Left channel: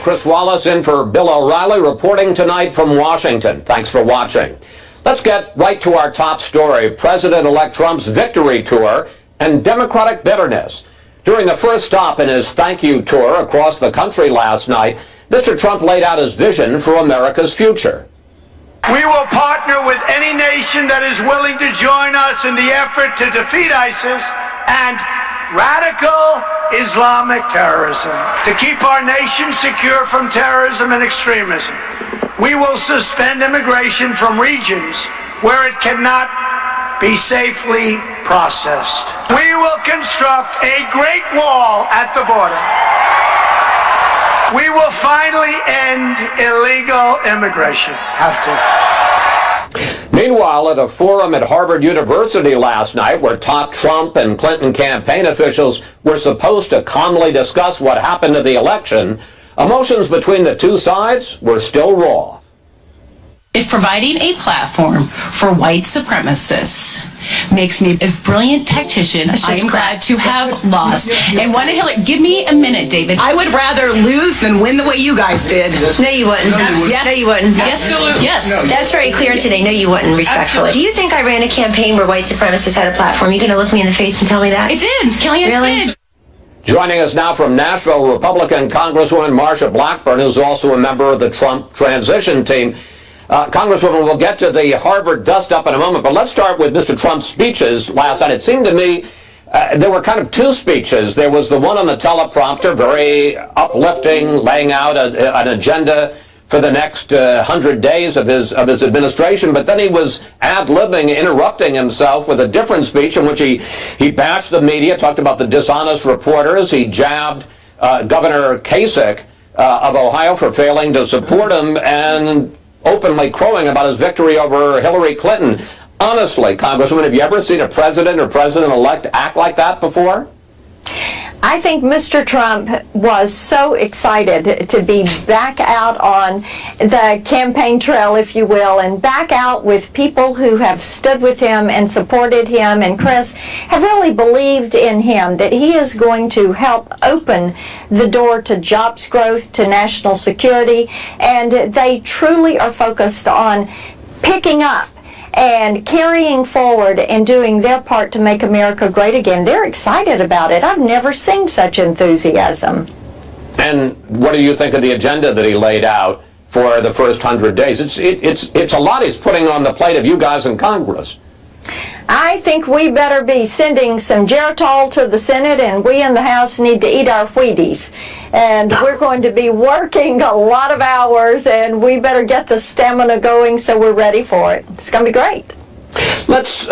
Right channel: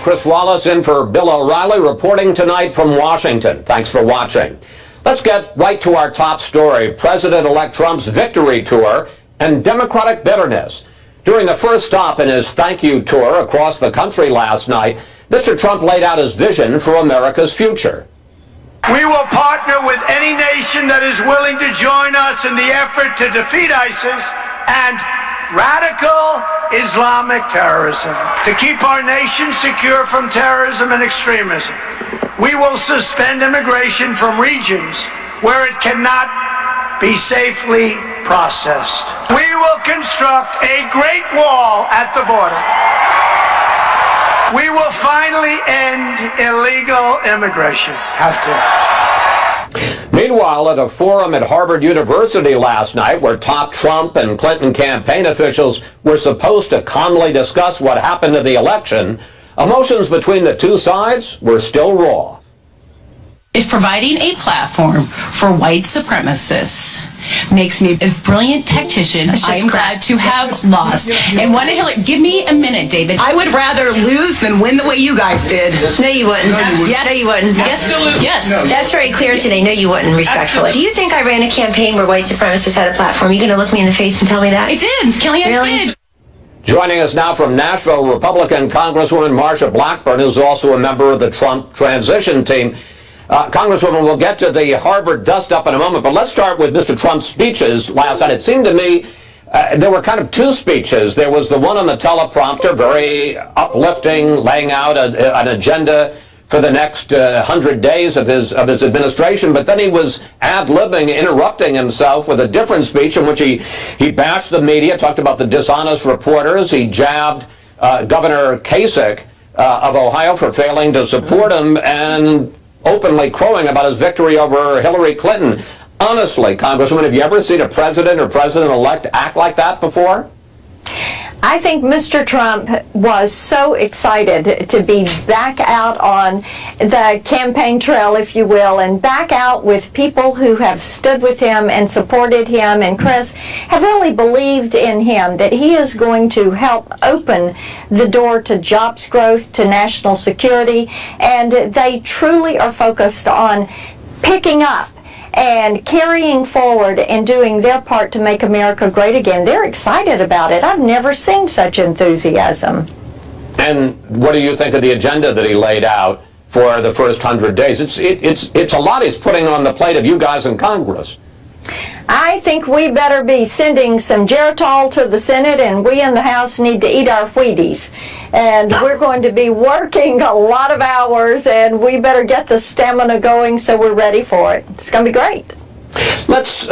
Chris Wallace in for Bill O'Reilly, reporting tonight from Washington. Thanks for watching. Let's get right to our top story, President-elect Trump's victory tour and Democratic bitterness. During the first stop in his thank you tour across the country last night, Mr. Trump laid out his vision for America's future. We will partner with any nation that is willing to join us in the effort to defeat ISIS and radical Islamic terrorism, to keep our nation secure from terrorism and extremism. We will suspend immigration from regions where it cannot be safely processed. We will construct a great wall at the border. We will finally end illegal immigration. Have to. Meanwhile, at a forum at Harvard University last night where top Trump and Clinton campaign officials were supposed to calmly discuss what happened to the election, emotions between the two sides were still raw. If providing a platform for white supremacists makes me a brilliant tactician, I'm glad to have lost. And one Hillary, give me a minute, David. I would rather lose than win the way you guys did. No, you wouldn't. Yes. No, you wouldn't. Yes. Yes. That's very clear today. No, you wouldn't, respectfully. Absolutely. Do you think I ran a campaign where white supremacists had a platform? You going to look me in the face and tell me that? I did. Kellyanne Really? did. Joining us now from Nashville, Republican Congresswoman Marsha Blackburn, who's also a member of the Trump transition team. Congresswoman, we'll get to the Harvard dust-up in a moment, but let's start with Mr. Trump's speeches last night. It seemed to me there were kind of two speeches. There was the one on the teleprompter, very uplifting, laying out an agenda for the next 100 days of his administration, but then he was ad-libbing, interrupting himself with a different speech in which he bashed the media, talked about the dishonest reporters. He jabbed Governor Kasich of Ohio for failing to support him, and openly crowing about his victory over Hillary Clinton. Honestly, Congresswoman, have you ever seen a president or president-elect act like that before? I think Mr. Trump was so excited to be back out on the campaign trail, if you will, and back out with people who have stood with him and supported him, and Chris, have really believed in him, that he is going to help open the door to jobs growth, to national security, and they truly are focused on picking up and carrying forward and doing their part to make America great again. They're excited about it. I've never seen such enthusiasm. And what do you think of the agenda that he laid out for the first 100 days? It's a lot he's putting on the plate of you guys in Congress. I think we better be sending some Geritol to the Senate, and we in the House need to eat our Wheaties. And we're going to be working a lot of hours, and we better get the stamina going so we're ready for it. It's going to be great. Let's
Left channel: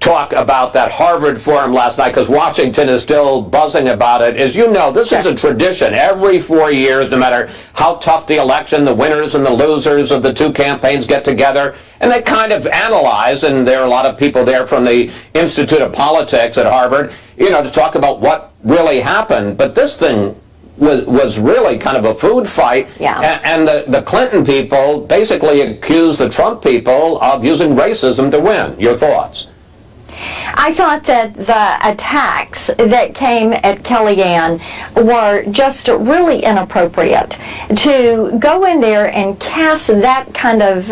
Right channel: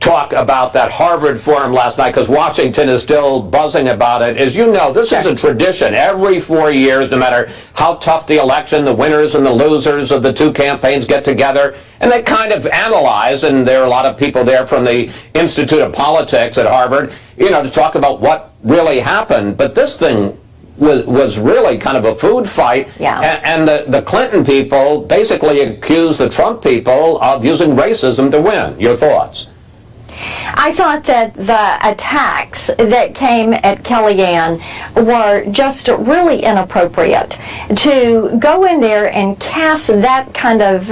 talk about that Harvard forum last night, because Washington is still buzzing about it. As you know, this is a tradition. Every 4 years, no matter how tough the election, the winners and the losers of the two campaigns get together, and they kind of analyze, and there are a lot of people there from the Institute of Politics at Harvard, to talk about what really happened. But this thing was really kind of a food fight. Yeah. And the Clinton people basically accused the Trump people of using racism to win. Your thoughts? I thought that the attacks that came at Kellyanne were just really inappropriate. To go in there and cast that kind of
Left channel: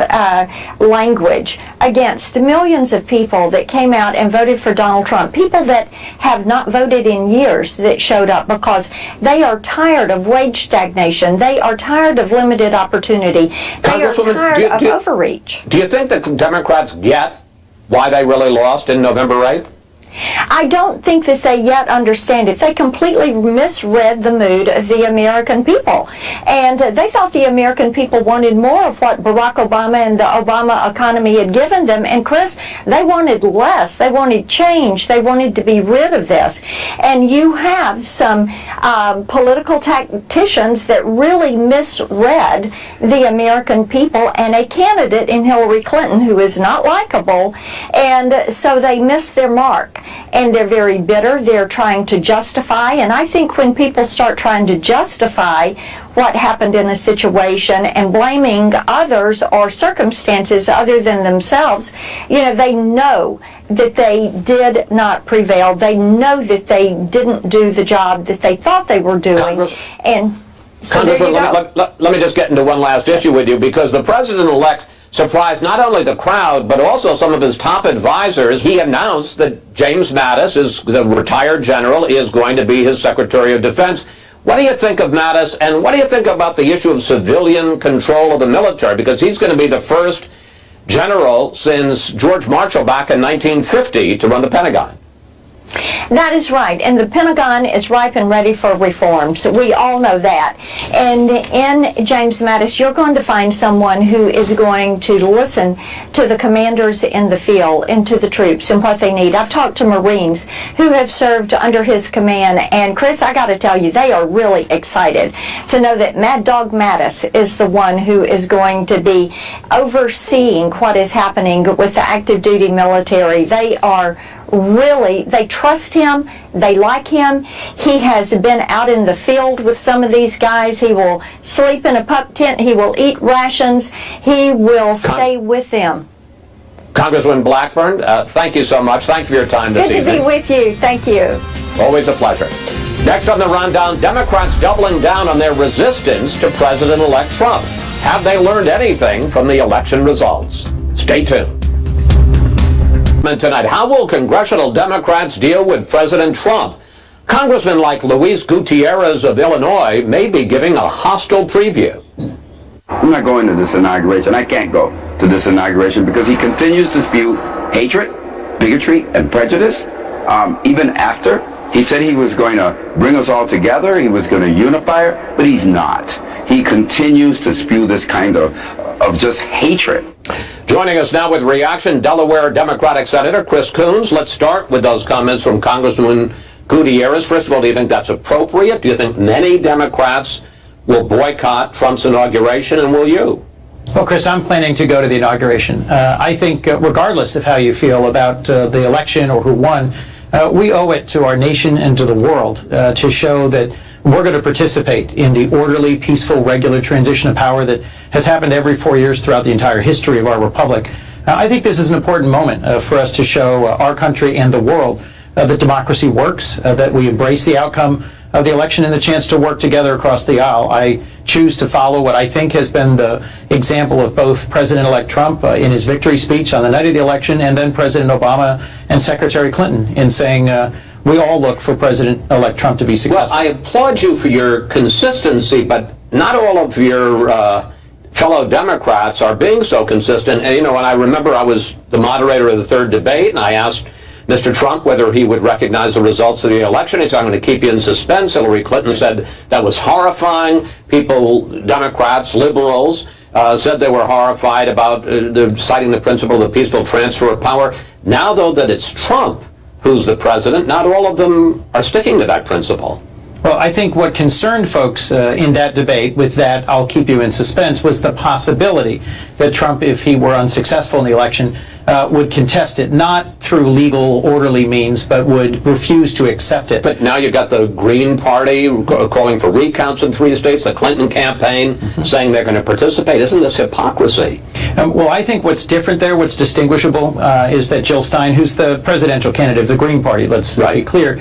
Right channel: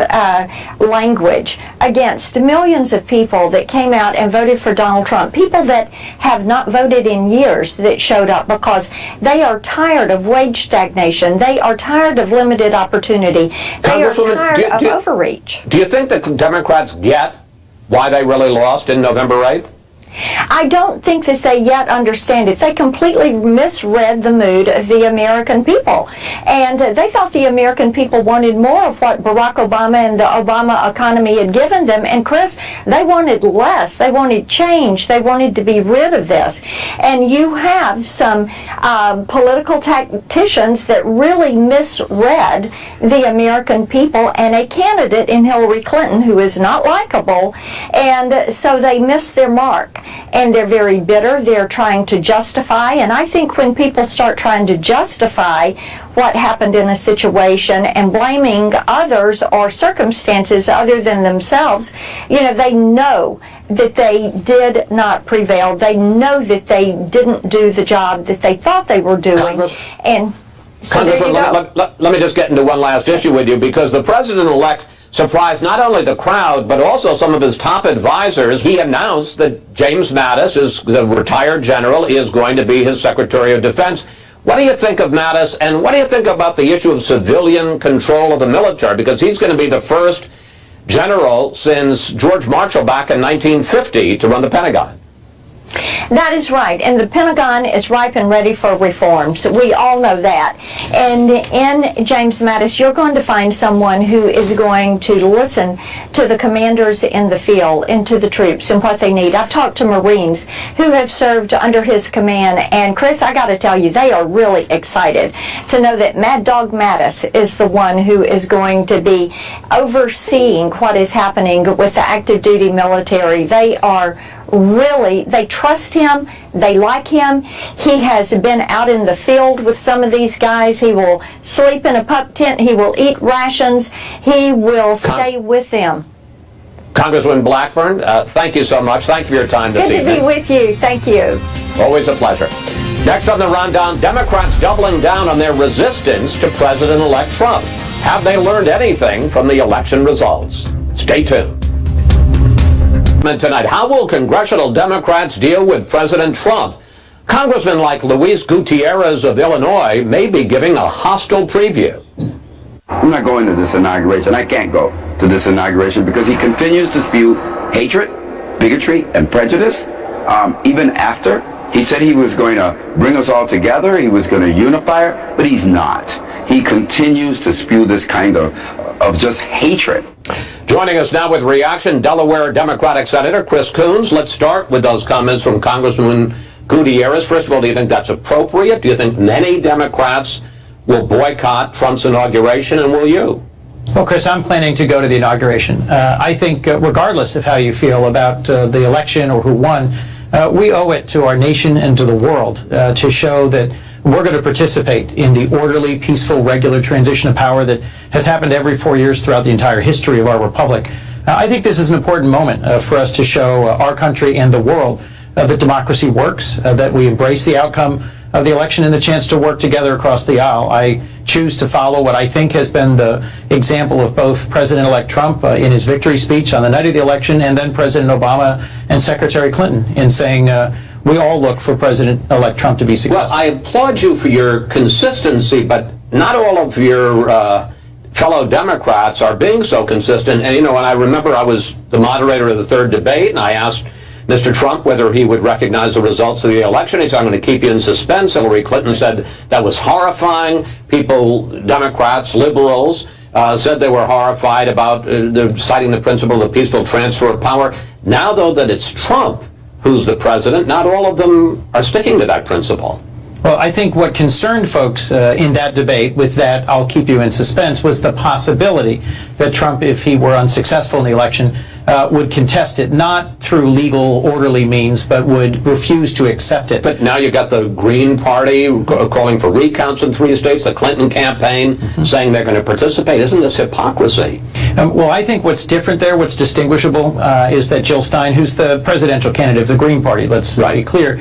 language against millions of people that came out and voted for Donald Trump, people that have not voted in years that showed up because they are tired of wage stagnation, they are tired of limited opportunity, they are tired of overreach. Do you think the Democrats get why they really lost in November 8th? I don't think that they yet understand it. They completely misread the mood of the American people. And they thought the American people wanted more of what Barack Obama and the Obama economy had given them. And Chris, they wanted less. They wanted change. They wanted to be rid of this. And you have some political tacticians that really misread the American people and a candidate in Hillary Clinton who is not likable. And so they missed their mark. And they're very bitter. They're trying to justify. And I think when people start trying to justify what happened in a situation and blaming others or circumstances other than themselves, they know that they did not prevail. They know that they didn't do the job that they thought they were doing. So there you Congresswoman, go. let me just get into one last issue with you, because the president-elect surprised not only the crowd, but also some of his top advisors. He announced that James Mattis, the retired general, is going to be his Secretary of Defense. What do you think of Mattis, and what do you think about the issue of civilian control of the military? Because he's going to be the first general since George Marshall back in 1950 to run the Pentagon. That is right, and the Pentagon is ripe and ready for reforms. We all know that. And in James Mattis, you're going to find someone who is going to listen to the commanders in the field and to the troops and what they need. I've talked to Marines who have served under his command, and Chris, I got to tell you, they are really excited to know that Mad Dog Mattis is the one who is going to be overseeing what is happening with the active duty military. They trust him, they like him. He has been out in the field with some of these guys. He will sleep in a pup tent, he will eat rations, he will stay with them. Congresswoman Blackburn, thank you so much. Thank you for your time this evening. Good to be with you. Thank you. Always a pleasure. Next on the rundown, Democrats doubling down on their resistance to President-elect Trump. Have they learned anything from the election results? Stay tuned. Tonight, how will congressional Democrats deal with President Trump? Congressmen like Luis Gutierrez of Illinois may be giving a hostile preview. I'm not going to this inauguration. I can't go to this inauguration because he continues to spew hatred, bigotry, and prejudice. Even after he said he was going to bring us all together, he was going to unify, but he's not. He continues to spew this kind of just hatred. Joining us now with reaction, Delaware Democratic Senator Chris Coons. Let's start with those comments from Congressman Gutierrez. First of all, do you think that's appropriate? Do you think many Democrats will boycott Trump's inauguration, and will you? Well, Chris, I'm planning to go to the inauguration. I think regardless of how you feel about the election or who won, we owe it to our nation and to the world to show that we're going to participate in the orderly, peaceful, regular transition of power that has happened every 4 years throughout the entire history of our republic. I think this is an important moment for us to show our country and the world that democracy works, that we embrace the outcome of the election and the chance to work together across the aisle. I choose to follow what I think has been the example of both President-elect Trump in his victory speech on the night of the election, and then President Obama and Secretary Clinton in saying we all look for President-elect Trump to be successful. Well, I applaud you for your consistency, but not all of your fellow Democrats are being so consistent. And, when I remember I was the moderator of the third debate, and I asked Mr. Trump whether he would recognize the results of the election. He said, I'm going to keep you in suspense. Hillary Clinton said that was horrifying. People, Democrats, liberals, said they were horrified about citing the principle of the peaceful transfer of power. Now, though, that it's Trump who's the president, not all of them are sticking to that principle. Well, I think what concerned folks in that debate, with that I'll keep you in suspense, was the possibility that Trump, if he were unsuccessful in the election, would contest it, not through legal, orderly means, but would refuse to accept it. But now you've got the Green Party calling for recounts in 3 states, the Clinton campaign saying they're going to participate. Isn't this hypocrisy? Well, I think what's different there, what's distinguishable, is that Jill Stein, who's the presidential candidate of the Green Party, let's be clear,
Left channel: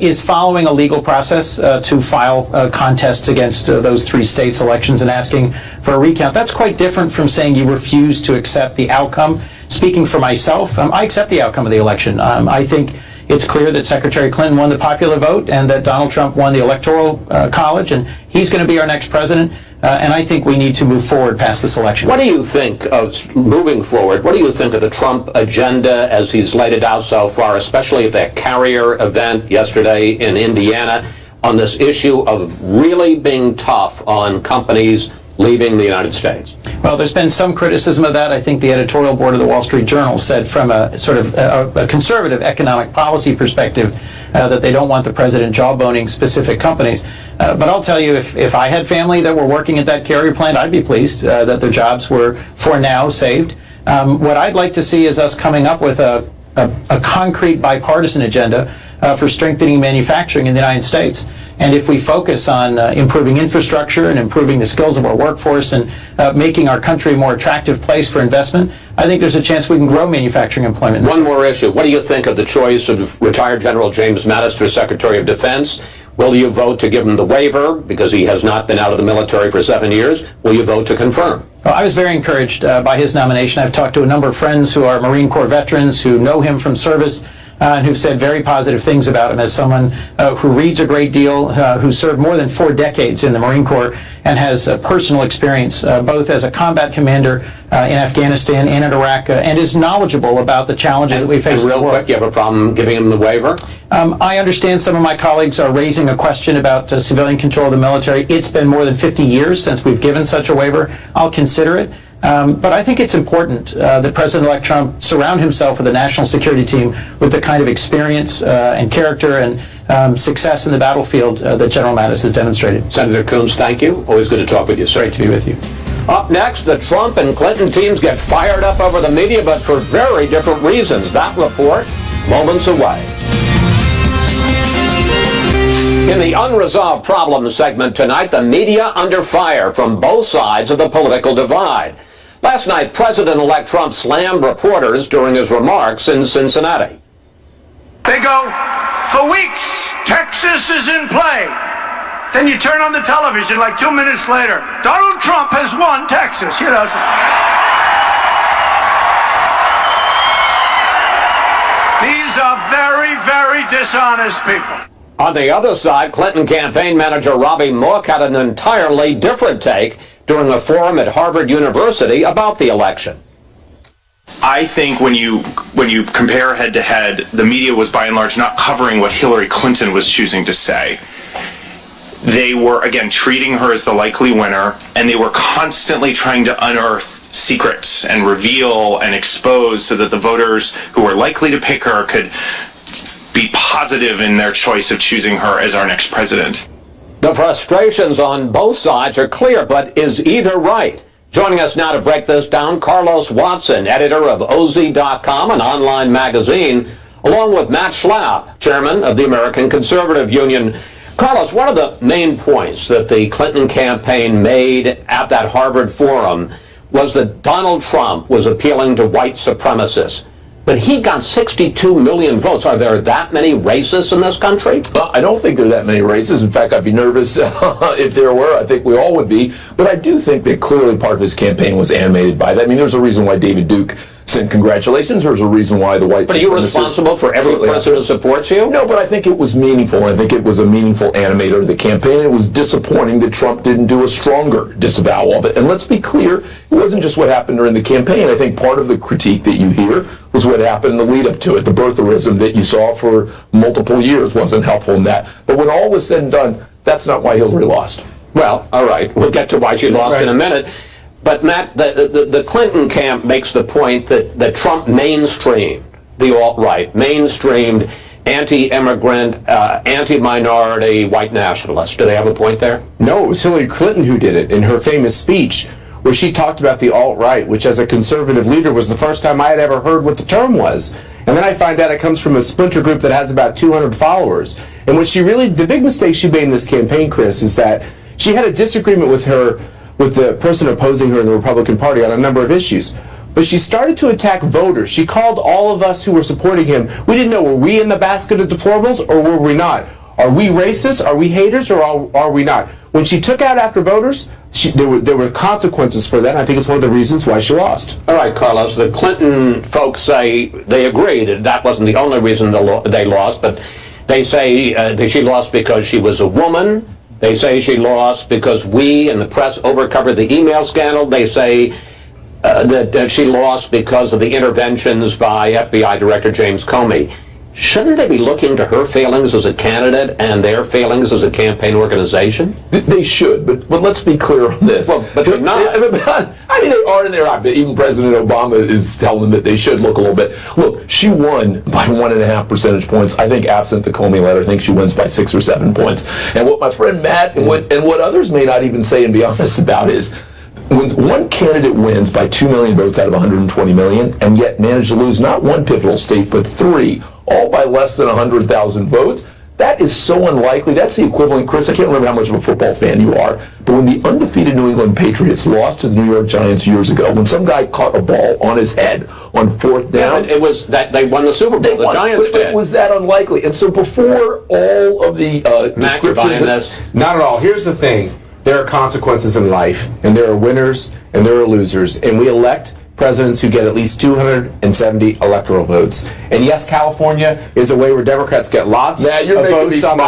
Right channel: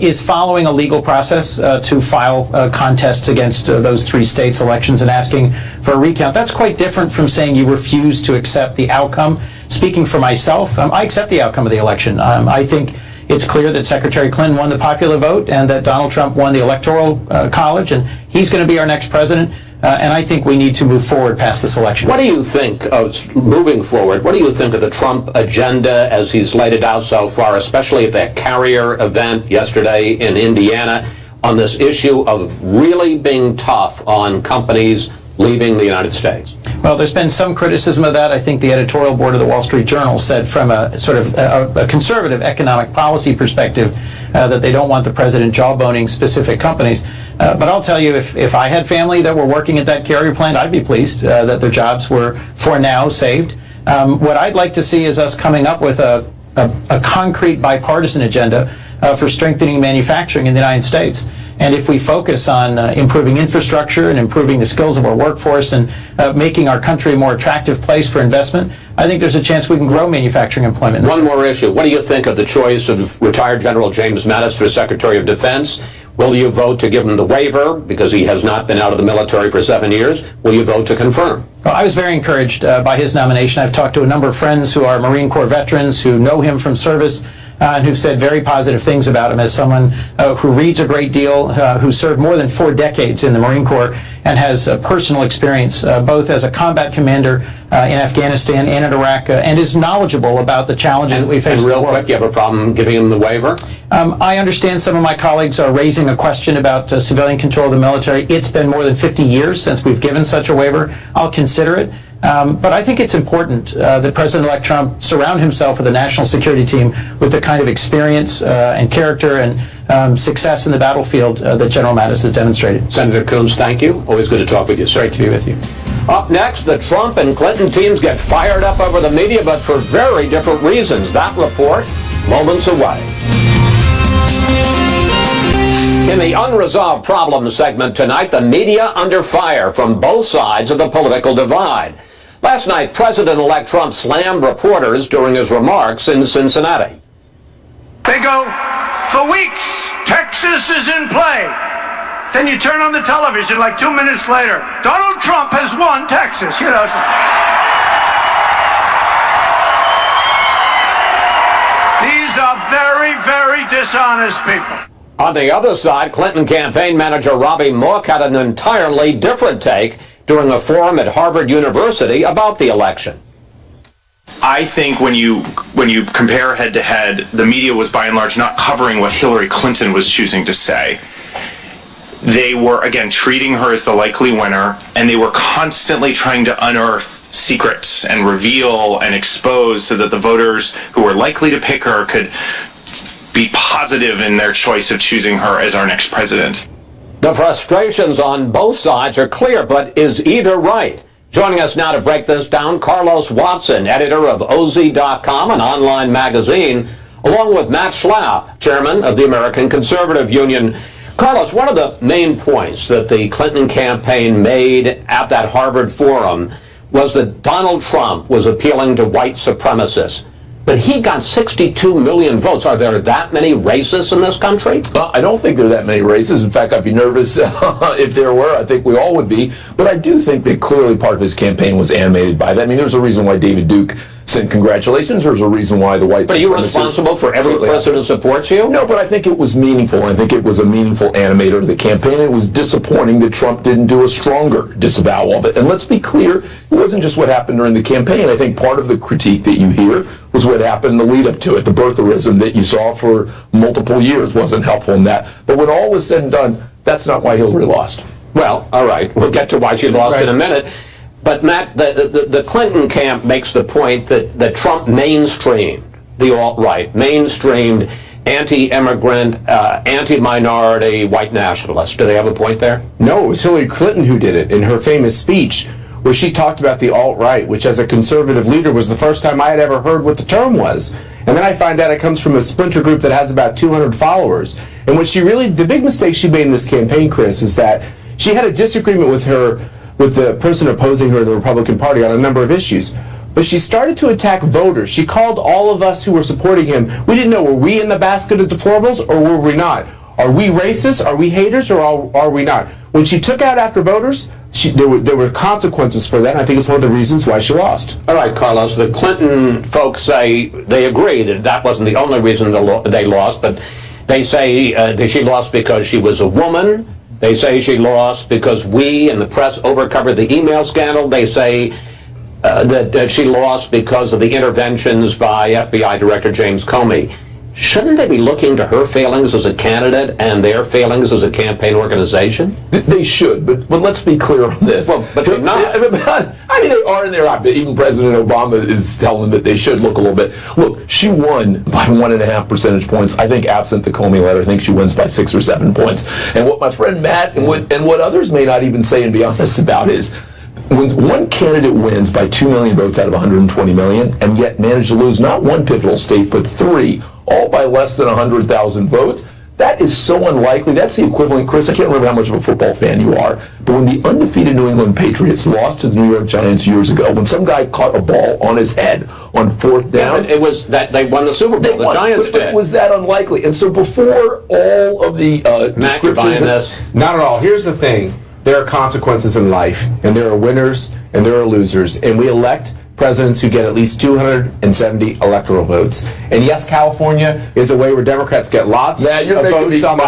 is following a legal process to file contests against those 3 states' elections and asking for a recount. That's quite different from saying you refuse to accept the outcome. Speaking for myself, I accept the outcome of the election. I think it's clear that Secretary Clinton won the popular vote and that Donald Trump won the Electoral College, and he's going to be our next president. And I think we need to move forward past this election. What do you think of moving forward? What do you think of the Trump agenda as he's laid it out so far, especially at that Carrier event yesterday in Indiana, on this issue of really being tough on companies leaving the United States? Well, there's been some criticism of that. I think the editorial board of the Wall Street Journal said from a sort of a conservative economic policy perspective that they don't want the president jawboning specific companies. But I'll tell you, if I had family that were working at that Carrier plant, I'd be pleased that their jobs were, for now, saved. What I'd like to see is us coming up with a concrete bipartisan agenda for strengthening manufacturing in the United States. And if we focus on improving infrastructure and improving the skills of our workforce and making our country a more attractive place for investment, I think there's a chance we can grow manufacturing employment. One more issue. What do you think of the choice of retired General James Mattis for Secretary of Defense? Will you vote to give him the waiver because he has not been out of the military for 7 years? Will you vote to confirm? Well, I was very encouraged by his nomination. I've talked to a number of friends who are Marine Corps veterans who know him from service and who've said very positive things about him as someone who reads a great deal, who served more than 4 decades in the Marine Corps and has personal experience both as a combat commander in Afghanistan and in Iraq and is knowledgeable about the challenges that we face in the world. Real quick, you have a problem giving him the waiver? I understand some of my colleagues are raising a question about civilian control of the military. It's been more than 50 years since we've given such a waiver. I'll consider it. But I think it's important that President-elect Trump surround himself with a national security team with the kind of experience and character and success in the battlefield that General Mattis has demonstrated. Senator Coons, thank you. Always good to talk with you, sir. Great to be with you. Up next, the Trump and Clinton teams get fired up over the media, but for very different reasons. That report, moments away. In the Unresolved Problems segment tonight, the media under fire from both sides of the political divide. Last night, President-elect Trump slammed reporters during his remarks in Cincinnati. They go, for weeks, Texas is in play. Then you turn on the television like 2 minutes later, Donald Trump has won Texas, you know. These are very, very dishonest people. On the other side, Clinton campaign manager Robbie Mook had an entirely different take during a forum at Harvard University about the election. I think when you compare head to head, the media was by and large not covering what Hillary Clinton was choosing to say. They were, again, treating her as the likely winner, and they were constantly trying to unearth secrets and reveal and expose so that the voters who were likely to pick her could be positive in their choice of choosing her as our next president. The frustrations on both sides are clear, but is either right? Joining us now to break this down, Carlos Watson, editor of OZ.com, an online magazine, along with Matt Schlapp, chairman of the American Conservative Union. Carlos, one of the main points that the Clinton campaign made at that Harvard forum was that Donald Trump was appealing to white supremacists. But he got 62 million votes. Are there that many racists in this country? Well, I don't think there are that many racists. In fact, I'd be nervous if there were. I think we all would be. But I do think that clearly part of his campaign was animated by that. I mean, there's a reason why David Duke sent congratulations. There's a reason why the white supremacists... But are you responsible for every person who supports you? No, but I think it was meaningful. I think it was a meaningful animator of the campaign. It was disappointing that Trump didn't do a stronger disavowal of it. And let's be clear, it wasn't just what happened during the campaign. I think part of the critique that you hear was what happened in the lead up to it. The birtherism that you saw for multiple years wasn't helpful in that. But when all was said and done, that's not why Hillary lost. Well, all right. We'll get to why she lost in a minute. But, Matt, the Clinton camp makes the point that Trump mainstreamed the alt-right, mainstreamed anti-immigrant, anti-minority white nationalists. Do they have a point there? No, it was Hillary Clinton who did it in her famous speech where she talked about the alt-right, which as a conservative leader was the first time I had ever heard what the term was. And then I find out it comes from a splinter group that has about 200 followers. And what she really, the big mistake she made in this campaign, Chris, is that she had a disagreement with the person opposing her in the Republican Party on a number of issues. But she started to attack voters. She called all of us who were supporting him. We didn't know, were we in the basket of deplorables or were we not? Are we racist? Are we haters or are we not? When she took out after voters, there were consequences for that, and I think it's one of the reasons why she lost. All right, Carlos, the Clinton folks say they agree that wasn't the only reason they lost, but they say that she lost because she was a woman. They say she lost because we and the press overcovered the email scandal. They say that she lost because of the interventions by FBI Director James Comey. Shouldn't they be looking to her failings as a candidate and their failings as a campaign organization? They should, but let's be clear on this. Well, but they're not. I mean, they are and they're not. Even President Obama is telling them that they should look a little bit. Look, she won by 1.5 percentage points. I think absent the Comey letter, I think she wins by 6 or 7 points. And what my friend Matt and what others may not even say and be honest about is, when one candidate wins by 2 million votes out of 120 million and yet managed to lose not one pivotal state but 3, all by less than 100,000 votes, that is so unlikely. That's the equivalent, Chris, I can't remember how much of a football fan you are, but But when the undefeated New England Patriots lost to the New York Giants years ago, when some guy caught a ball on his head on fourth down, it was that they won the Super Bowl. The Giants did. Was that unlikely? And so before all of the descriptions, not at all. Here's the thing: there are consequences in life, and there are winners and there are losers, and we elect presidents who get at least 270 electoral votes. And yes, California is a way where Democrats get lots of votes on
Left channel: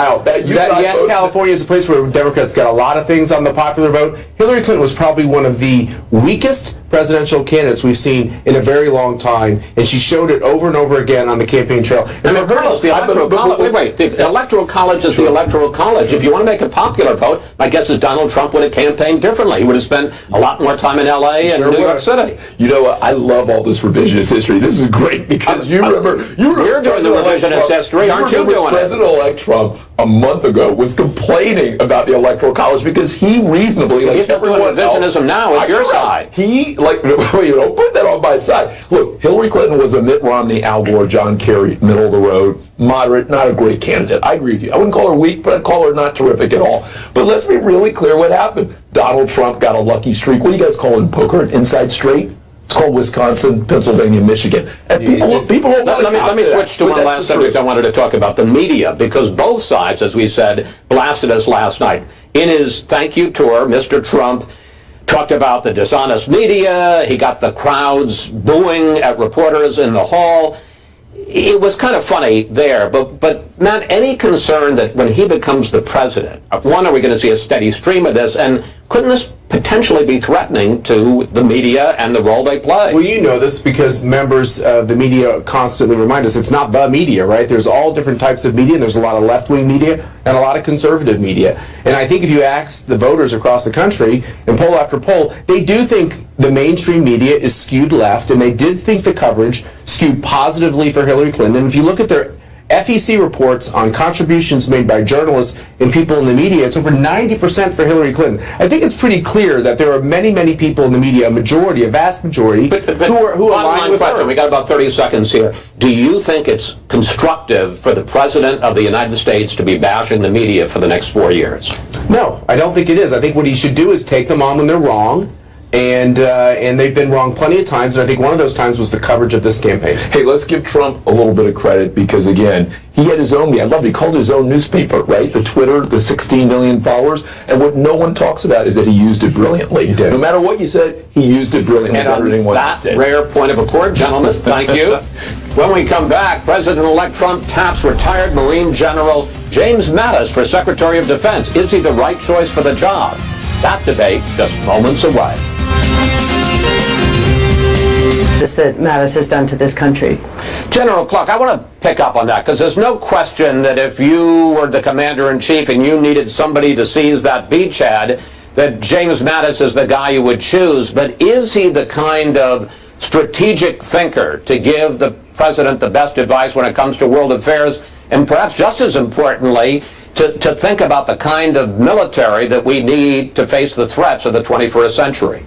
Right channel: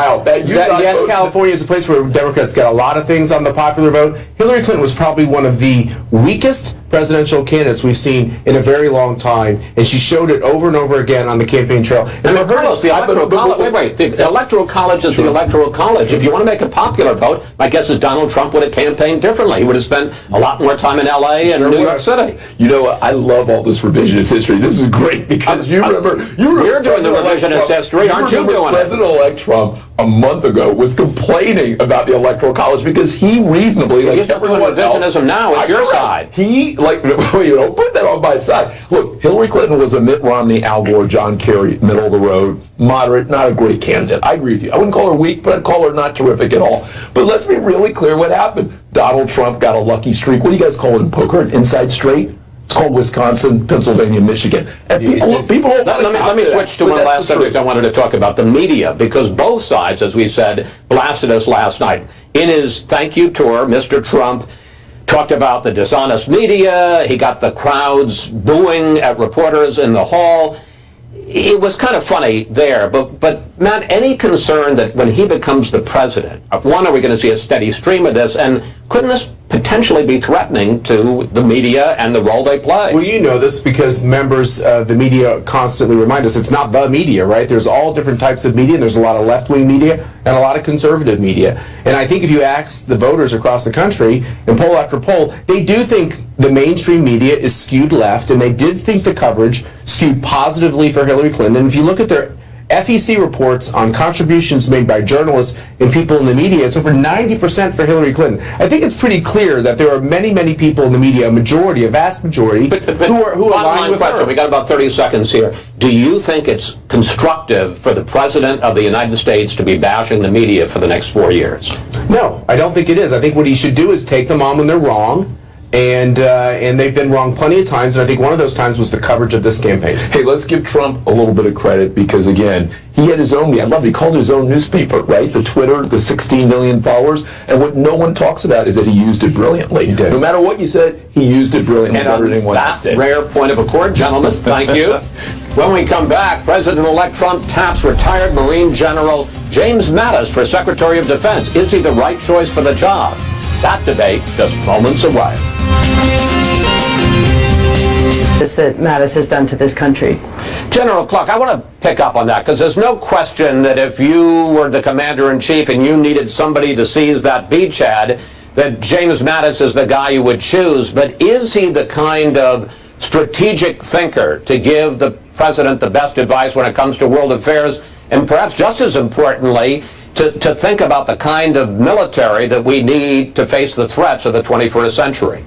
yes, California is a place where Democrats get a lot of things on the popular vote. Hillary Clinton was probably one of the weakest presidential candidates we've seen in a very long time, and she showed it over and over again on the campaign trail. And regardless, the Electoral College, the Electoral College is the Electoral College. If you want to make a popular vote, my guess is Donald Trump would have campaigned differently. He would have spent a lot more time in L.A. and New York City. You know what? I love all this revisionist history. This is great because you remember you're doing the revisionist history, aren't you doing it? President-elect Trump a month ago was complaining about the Electoral College because he reasonably, like everyone else, revisionism now is your side. He, like, you know, put that on my side. Look, Hillary Clinton was a Mitt Romney, Al Gore, John Kerry, middle of the road, moderate, not a great candidate. I agree with you. I wouldn't call her weak, but I'd call her not terrific at all. But let's be really clear what happened. Donald Trump got a lucky streak. What do you guys call it in poker? An inside straight? It's called Wisconsin, Pennsylvania, Michigan. And people let me switch to one last subject I wanted to talk about, the media, because both sides, as we said, blasted us last night. In his thank you tour, Mr. Trump talked about the dishonest media. He got the crowds booing at reporters in the hall. It was kind of funny there, but Matt, any concern that when he becomes the president, one, are we going to see a steady stream of this, and couldn't this potentially be threatening to the media and the role they play? Well, you know this because members of the media constantly remind us it's not the media, right? There's all different types of media. There's a lot of left-wing media and a lot of conservative media. And I think if you ask the voters across the country, in poll after poll, they do think the mainstream media is skewed left, and they did think the coverage skewed positively for Hillary Clinton. And if you look at their FEC reports on contributions made by journalists and people in the media, it's over 90% for Hillary Clinton. I think it's pretty clear that there are many, many people in the media, a vast majority, who are aligned with her. We got about 30 seconds here. Do you think it's constructive for the President of the United States to be bashing the media for the next 4 years? No, I don't think it is. I think what he should do is take them on when they're wrong. And they've been wrong plenty of times, and I think one of those times was the coverage of this campaign. Hey, let's give Trump a little bit of credit because, again, he had his own, I love it, he called it his own newspaper, right? The Twitter, the 16 million followers, and what no one talks about is that he used it brilliantly. No matter what you said, he used it brilliantly. And on that rare point of accord, gentlemen, thank you. When we come back, President-elect Trump taps retired Marine General James Mattis for Secretary of Defense. Is he the right choice for the job? That debate just moments away. That Mattis has done to this country. General Clark, I want to pick up on that because there's no question that if you were the commander-in-chief and you needed somebody to seize that beachhead, that James Mattis is the guy you would choose. But is he the kind of strategic thinker to give the president the best advice when it comes to world affairs, and perhaps just as importantly, to think about the kind of military that we need to face the threats of the 21st century?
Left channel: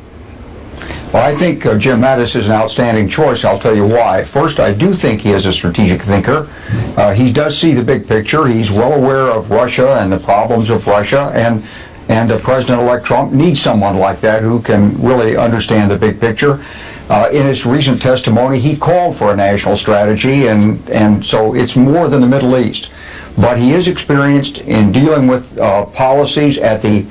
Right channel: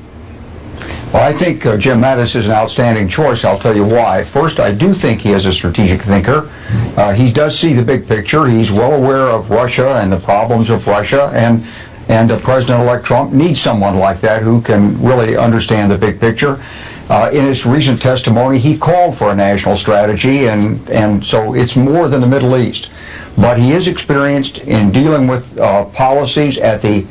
Well, I think Jim Mattis is an outstanding choice. I'll tell you why. First, I do think he is a strategic thinker. He does see the big picture. He's well aware of Russia and the problems of Russia, and President-elect Trump needs someone like that who can really understand the big picture. In his recent testimony, he called for a national strategy, and so it's more than the Middle East. But he is experienced in dealing with policies at the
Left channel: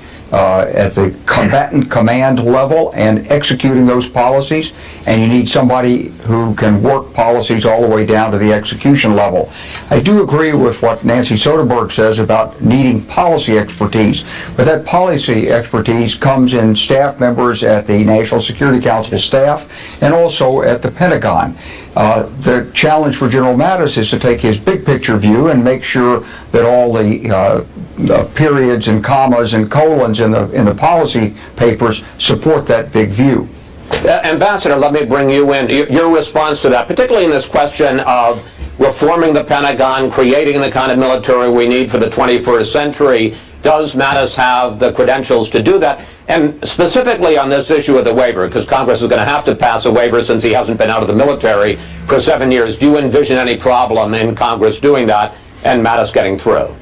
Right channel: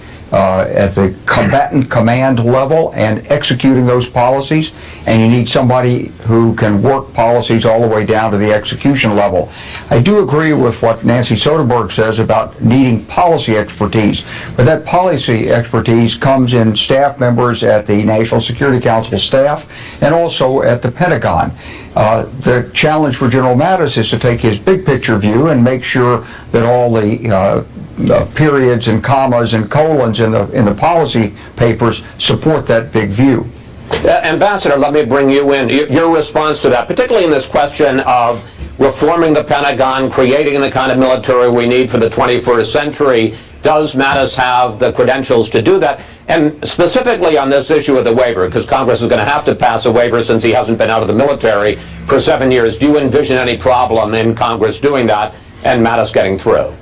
combatant command level and executing those policies, and you need somebody who can work policies all the way down to the execution level. I do agree with what Nancy Soderberg says about needing policy expertise, but that policy expertise comes in staff members at the National Security Council staff and also at the Pentagon. The challenge for General Mattis is to take his big picture view and make sure that all the periods and commas and colons in the policy papers support that big view. Ambassador, let me bring you in. Your response to that, particularly in this question of reforming the Pentagon, creating the kind of military we need for the 21st century. Does Mattis have the credentials to do that? And specifically on this issue of the waiver, because Congress is going to have to pass a waiver since he hasn't been out of the military for 7 years. Do you envision any problem in Congress doing that and Mattis getting through?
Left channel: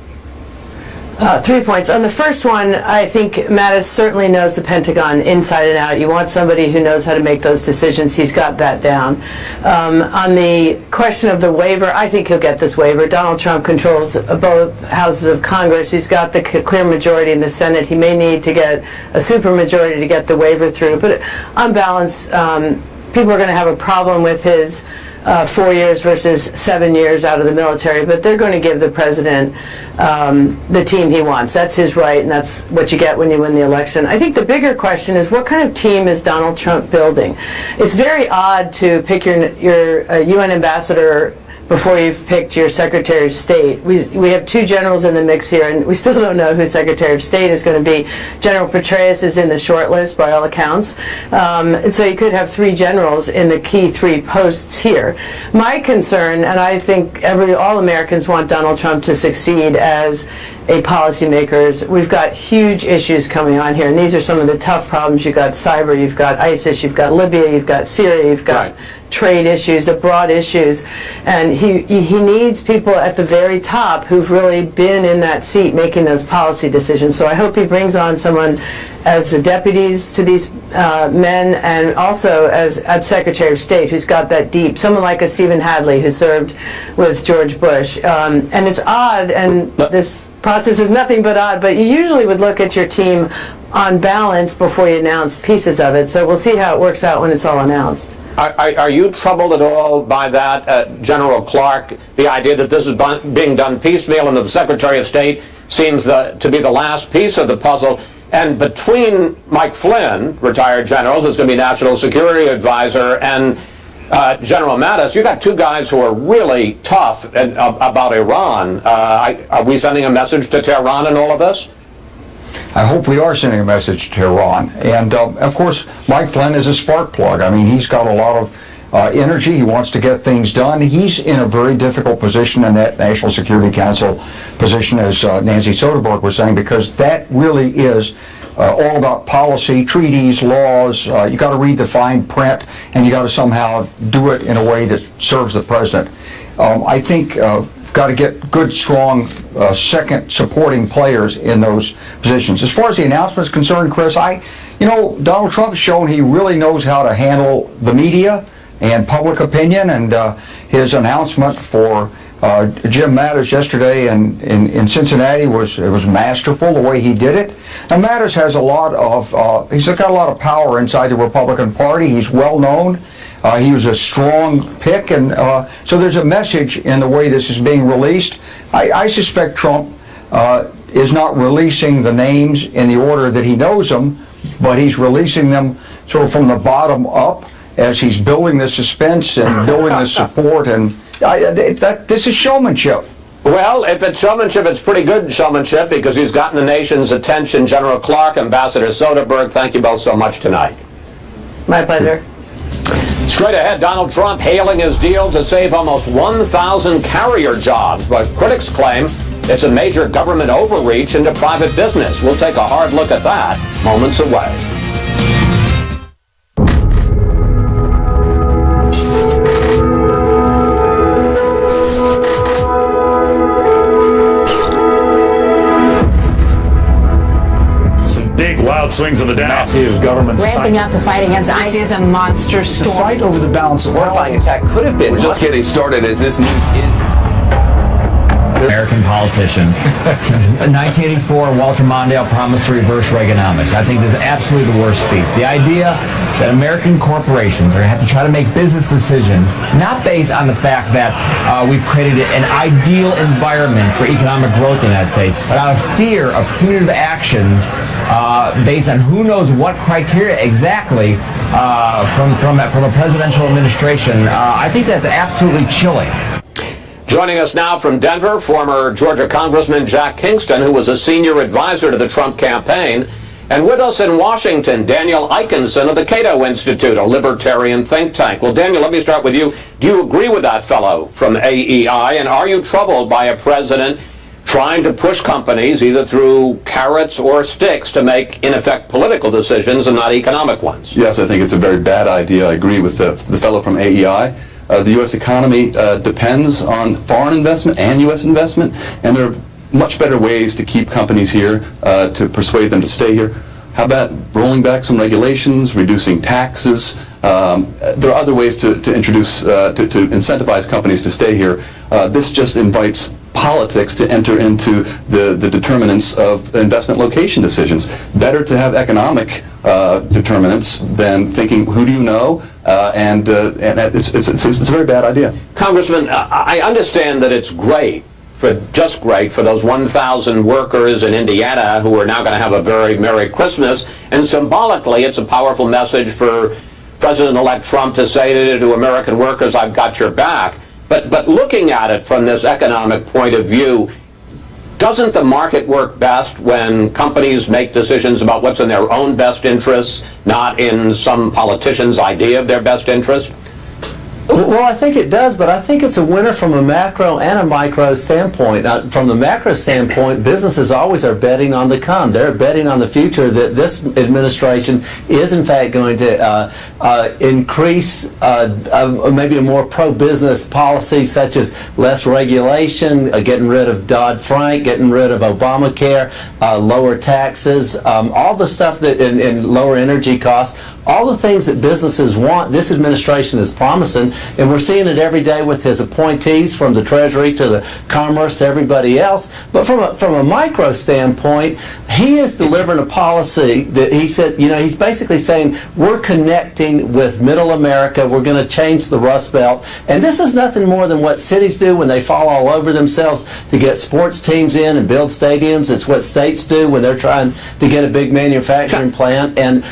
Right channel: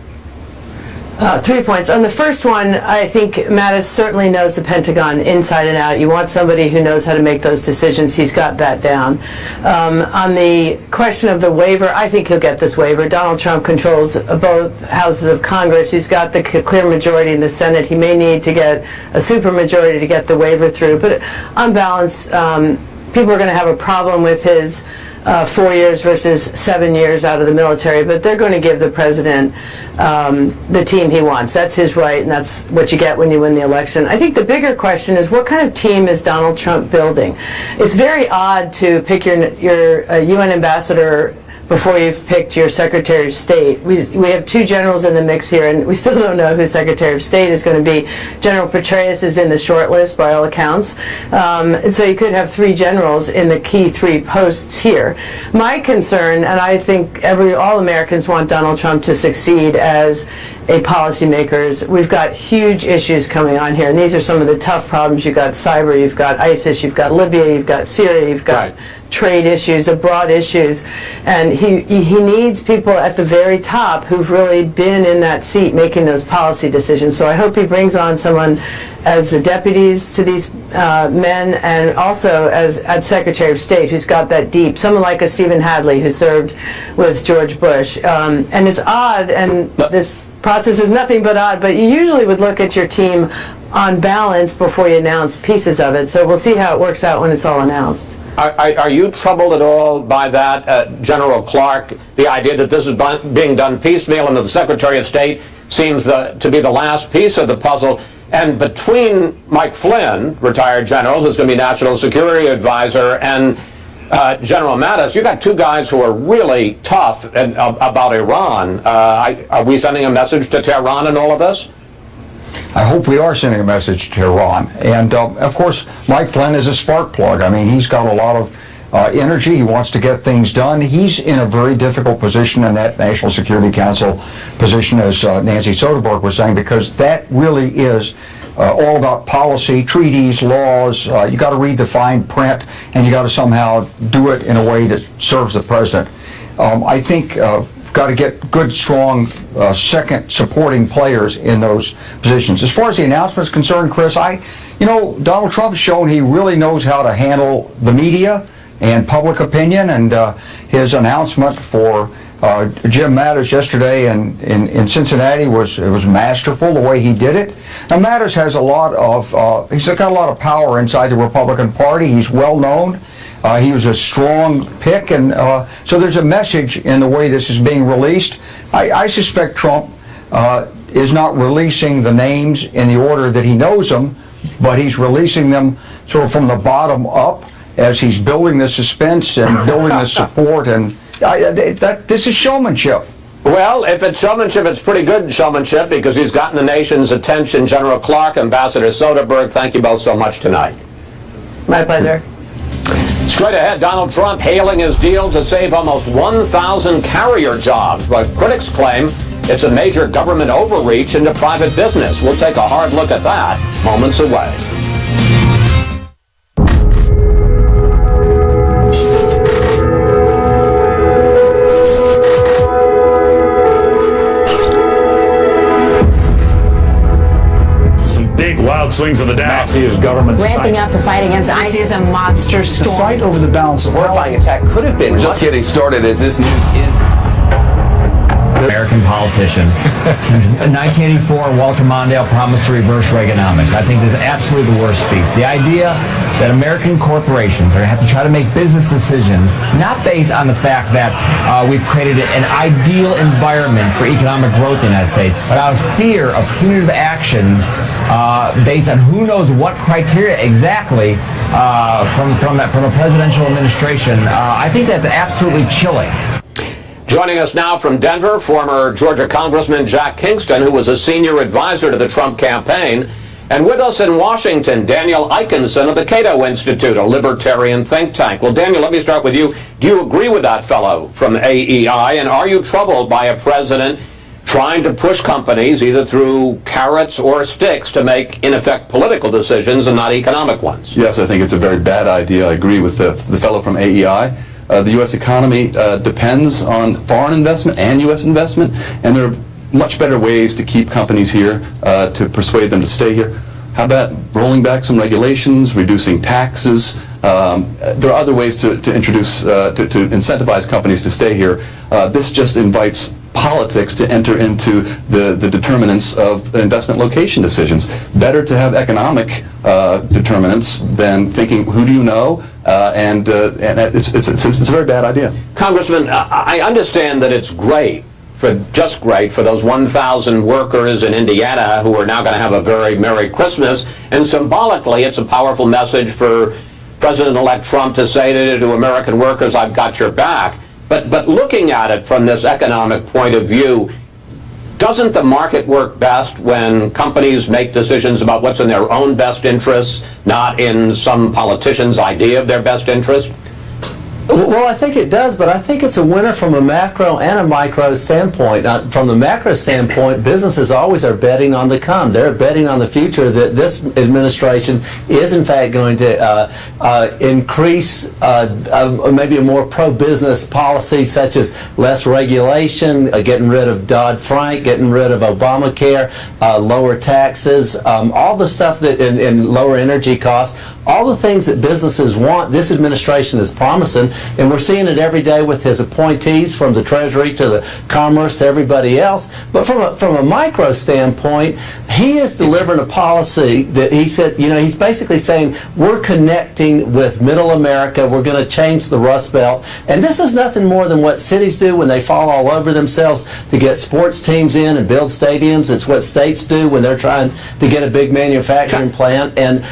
3 points. On the first one, I think Mattis certainly knows the Pentagon inside and out. You want somebody who knows how to make those decisions. He's got that down. On the question of the waiver, I think he'll get this waiver. Donald Trump controls both houses of Congress. He's got the clear majority in the Senate. He may need to get a supermajority to get the waiver through. But on balance, people are going to have a problem with his 4 years versus 7 years out of the military, but they're going to give the president the team he wants. That's his right, and that's what you get when you win the election. I think the bigger question is, what kind of team is Donald Trump building? It's very odd to pick your UN ambassador before you've picked your Secretary of State. We have two generals in the mix here, and we still don't know who Secretary of State is going to be. General Petraeus is in the short list by all accounts. And so you could have three generals in the key three posts here. My concern, and I think all Americans want Donald Trump to succeed as a policymaker. We've got huge issues coming on here, and these are some of the tough problems. You've got cyber, you've got ISIS, you've got Libya, you've got Syria, you've got trade issues, the broad issues, and he needs people at the very top who've really been in that seat making those policy decisions. So I hope he brings on someone as the deputies to these men, and also as Secretary of State, who's got that deep, someone like a Stephen Hadley who served with George Bush. And it's odd, and this process is nothing but odd, but you usually would look at your team on balance before you announce pieces of it. So we'll see how it works out when it's all announced. Are you troubled at all by that, General Clark, the idea that this is being done piecemeal and that the Secretary of State seems to be the last piece of the puzzle? And between Mike Flynn, retired general, who's going to be National Security Advisor, and General Mattis, you got two guys who are really tough about Iran. Are we sending a message to Tehran in all of this? I hope we are sending a message to Iran. And, of course, Mike Flynn is a spark plug. I mean, he's got a lot of energy. He wants to get things done. He's in a very difficult position in that National Security Council position, as Nancy Soderberg was saying, because that really is all about policy, treaties, laws. You got to read the fine print, and you got to somehow do it in a way that serves the president. I think got to get good, strong, second supporting players in those positions. As far as the announcement is concerned, Chris, Donald Trump has shown he really knows how to handle the media and public opinion, and his announcement for Jim Mattis yesterday in Cincinnati was masterful the way he did it. Now Mattis has he's got a lot of power inside the Republican Party. He's well known. He was a strong pick, and so there's a message in the way this is being released. I suspect Trump is not releasing the names in the order that he knows them, but he's releasing them sort of from the bottom up as he's building the suspense and building the support, and this is showmanship. Well, if it's showmanship, it's pretty good showmanship because he's gotten the nation's attention. General Clark, Ambassador Soderberg, thank you both so much tonight. My pleasure. Straight ahead, Donald Trump hailing his deal to save almost 1,000 carrier jobs, but critics claim it's a major government overreach into private business. We'll take a hard look at that moments away. Wild swings on the Dow. Massive government ramping up the fight against ISIS is a monster storm. The fight over the balance of power. Horrifying attack could have been. We're just getting started as this news is. American politician. Since 1984, Walter Mondale promised to reverse Reaganomics. I think this is absolutely the worst speech. The idea that American corporations are going to have to try to make business decisions, not based on the fact that we've created an ideal environment for economic growth in the United States, but out of fear of punitive actions based on who knows what criteria exactly from a presidential administration. I think that's absolutely chilling. Joining us now from Denver, former Georgia Congressman Jack Kingston, who was a senior advisor to the Trump campaign. And with us in Washington, Daniel Eikenson of the Cato Institute, a libertarian think tank. Well, Daniel, let me start with you. Do you agree with that fellow from AEI? And are you troubled by a president trying to push companies either through carrots or sticks to make, in effect, political decisions and not economic ones? Yes, I think it's a very bad idea. I agree with the fellow from AEI. The U.S. economy depends on foreign investment and U.S. investment, and there are much better ways to keep companies here, to persuade them to stay here. How about rolling back some regulations, reducing taxes? There are other ways to introduce, to incentivize companies to stay here. This just invites politics to enter into the determinants of investment location decisions. Better to have economic determinants than thinking, who do you know? And it's a very bad idea. Congressman, I understand that it's great for those 1,000 workers in Indiana who are now going to have a very Merry Christmas, and symbolically it's a powerful message for President-elect Trump to say to American workers, I've got your back. But looking at it from this economic point of view, doesn't the market work best when companies make decisions about what's in their own best interests, not in some politician's idea of their best interest? Well, I think it does, but I think it's a winner from a macro and a micro standpoint. From the macro standpoint, businesses always are betting on the come. They're betting on the future that this administration is in fact going to increase maybe a more pro-business policy, such as less regulation, getting rid of Dodd-Frank, getting rid of Obamacare, lower taxes, all the stuff that and lower energy costs. All the things that businesses want, this administration is promising, and we're seeing it every day with his appointees, from the Treasury to the Commerce to everybody else. But from a micro standpoint, he is delivering a policy that he said, he's basically saying, we're connecting with middle America, we're going to change the Rust Belt. And this is nothing more than what cities do when they fall all over themselves to get sports teams in and build stadiums. It's what states do when they're trying to get a big manufacturing plant. And,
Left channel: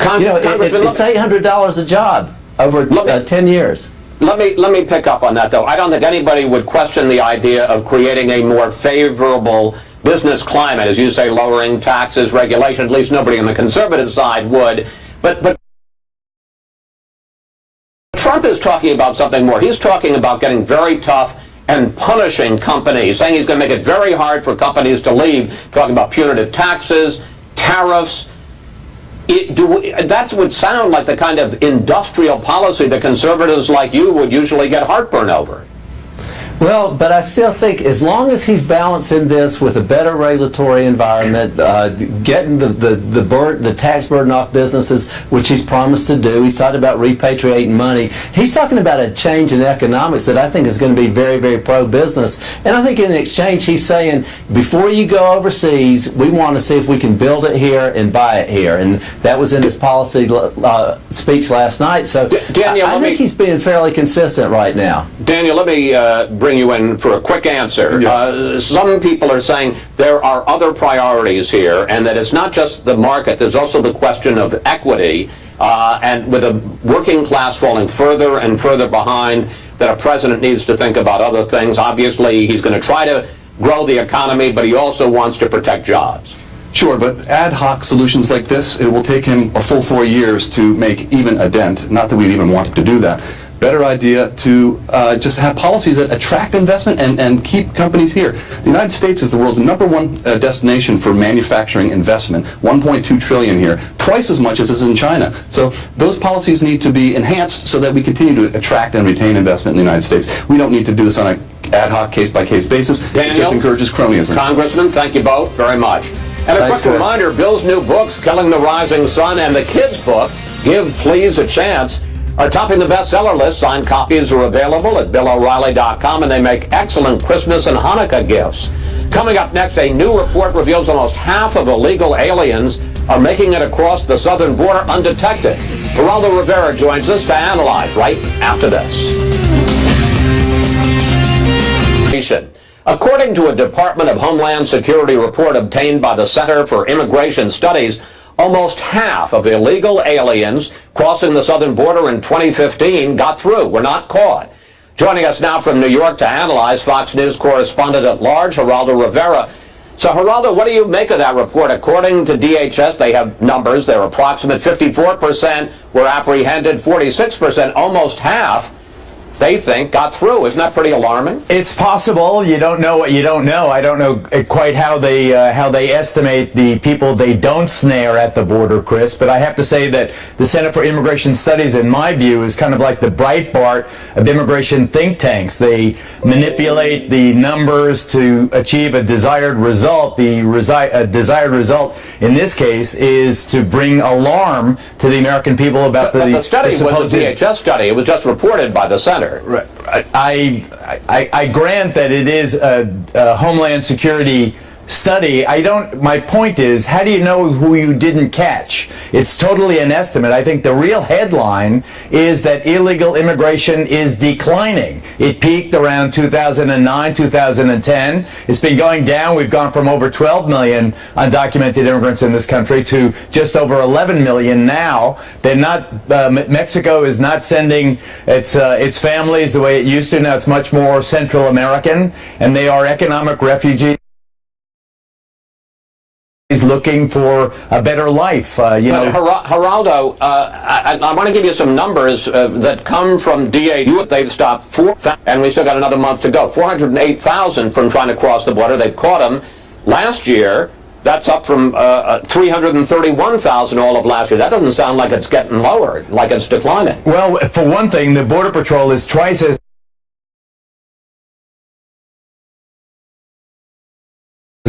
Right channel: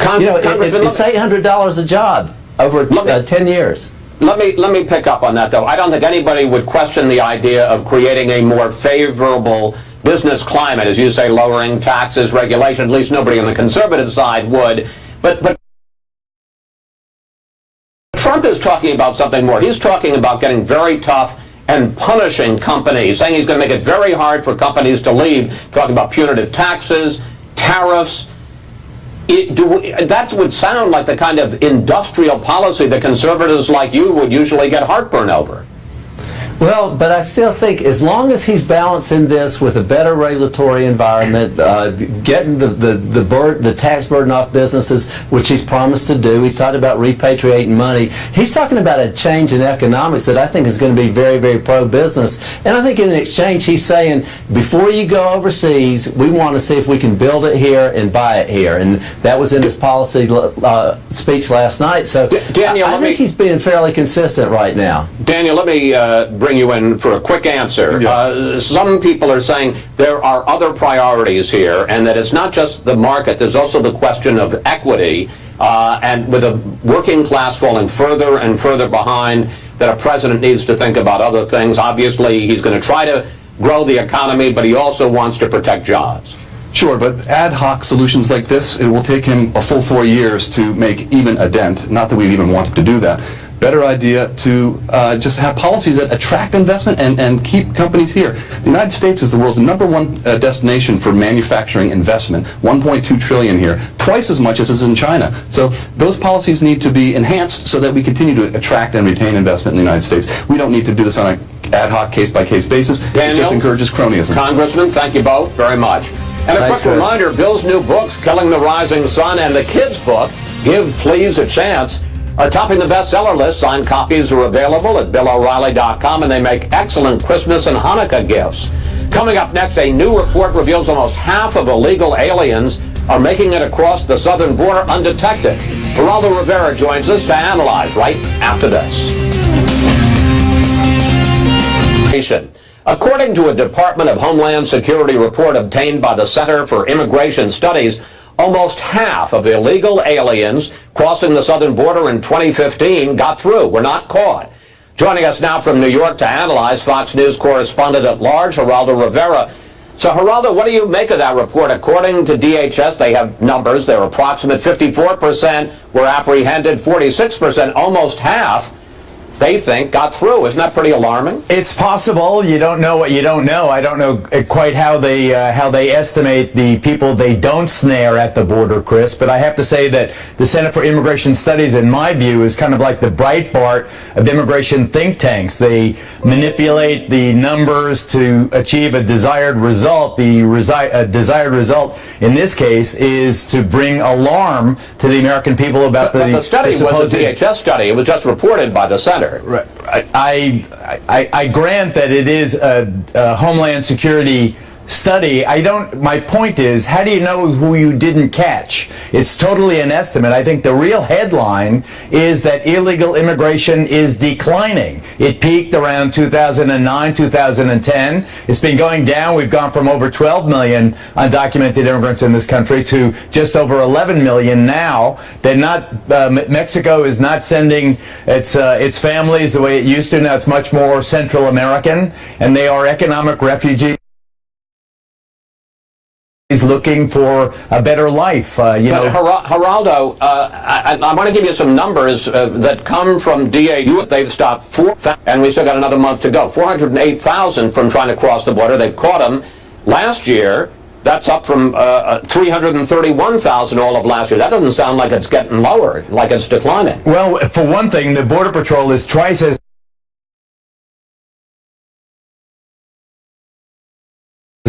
it's $800 a job over 10 years. Let me pick up on that, though. I don't think anybody would question the idea of creating a more favorable business climate, as you say, lowering taxes, regulation. At least nobody on the conservative side would. But Trump is talking about something more. He's talking about getting very tough and punishing companies, saying he's going to make it very hard for companies to leave, talking about punitive taxes, tariffs. That would sound like the kind of industrial policy that conservatives like you would usually get heartburn over. Well, but I still think as long as he's balancing this with a better regulatory environment, getting the tax burden off businesses, which he's promised to do. He's talking about repatriating money. He's talking about a change in economics that I think is going to be very, very pro-business. And I think in exchange, he's saying, before you go overseas, we want to see if we can build it here and buy it here. And that was in his policy speech last night. So Daniel, I think he's being fairly consistent right now. Daniel, let me bring you in for a quick answer. Yes. Some people are saying there are other priorities here, and that it's not just the market, there's also the question of equity, and with a working class falling further and further behind, that a president needs to think about other things. Obviously, he's going to try to grow the economy, but he also wants to protect jobs. Sure, but ad hoc solutions like this, it will take him a full 4 years to make even a dent. Not that we'd even want him to do that. Better idea to just have policies that attract investment and keep companies here. The United States is the world's #1 destination for manufacturing investment, $1.2 trillion here, twice as much as is in China. So those policies need to be enhanced so that we continue to attract and retain investment in the United States. We don't need to do this on an ad hoc, case-by-case basis. Daniel, it just encourages cronyism. Congressman, thank you both very much. And a quick reminder, Bill's new books, Killing the Rising Sun, and the kids' book, Give Please a Chance, are topping the bestseller list. Signed copies are available at BillO'Reilly.com, and they make excellent Christmas and Hanukkah gifts. Coming up next, a new report reveals almost half of illegal aliens are making it across the southern border undetected. Geraldo Rivera joins us to analyze right after this. According to a Department of Homeland Security report obtained by the Center for Immigration Studies, almost half of illegal aliens crossing the southern border in 2015 got through, were not caught. Joining us now from New York to analyze, Fox News correspondent at large, Geraldo Rivera. So, Geraldo, what do you make of that report? According to DHS, they have numbers. Their approximate 54% were apprehended, 46%, almost half they think, got through. Isn't that pretty alarming? It's possible. You don't know what you don't know. I don't know quite how they estimate the people they don't snare at the border, Chris. But I have to say that the Center for Immigration Studies, in my view, is kind of like the Breitbart of immigration think tanks. They manipulate the numbers to achieve a desired result. The desired result in this case is to bring alarm to the American people about but the study was a DHS study. It was just reported by the center. Right. I grant that it is a Homeland Security study. My point is, how do you know who you didn't catch? It's totally an estimate. I think the real headline is that illegal immigration is declining. It peaked around 2009, 2010. It's been going down. We've gone from over 12 million undocumented immigrants in this country to just over 11 million now. Mexico is not sending its families the way it used to. Now it's much more Central American, and they are economic refugees looking for a better life. Geraldo, I want to give you some numbers that come from DAU. They've stopped 4,000, and we still got another month to go. 408,000 from trying to cross the border. They've caught them last year. That's up from 331,000 all of last year. That doesn't sound like it's getting lower, like it's declining. Well, for one thing, the Border Patrol is twice as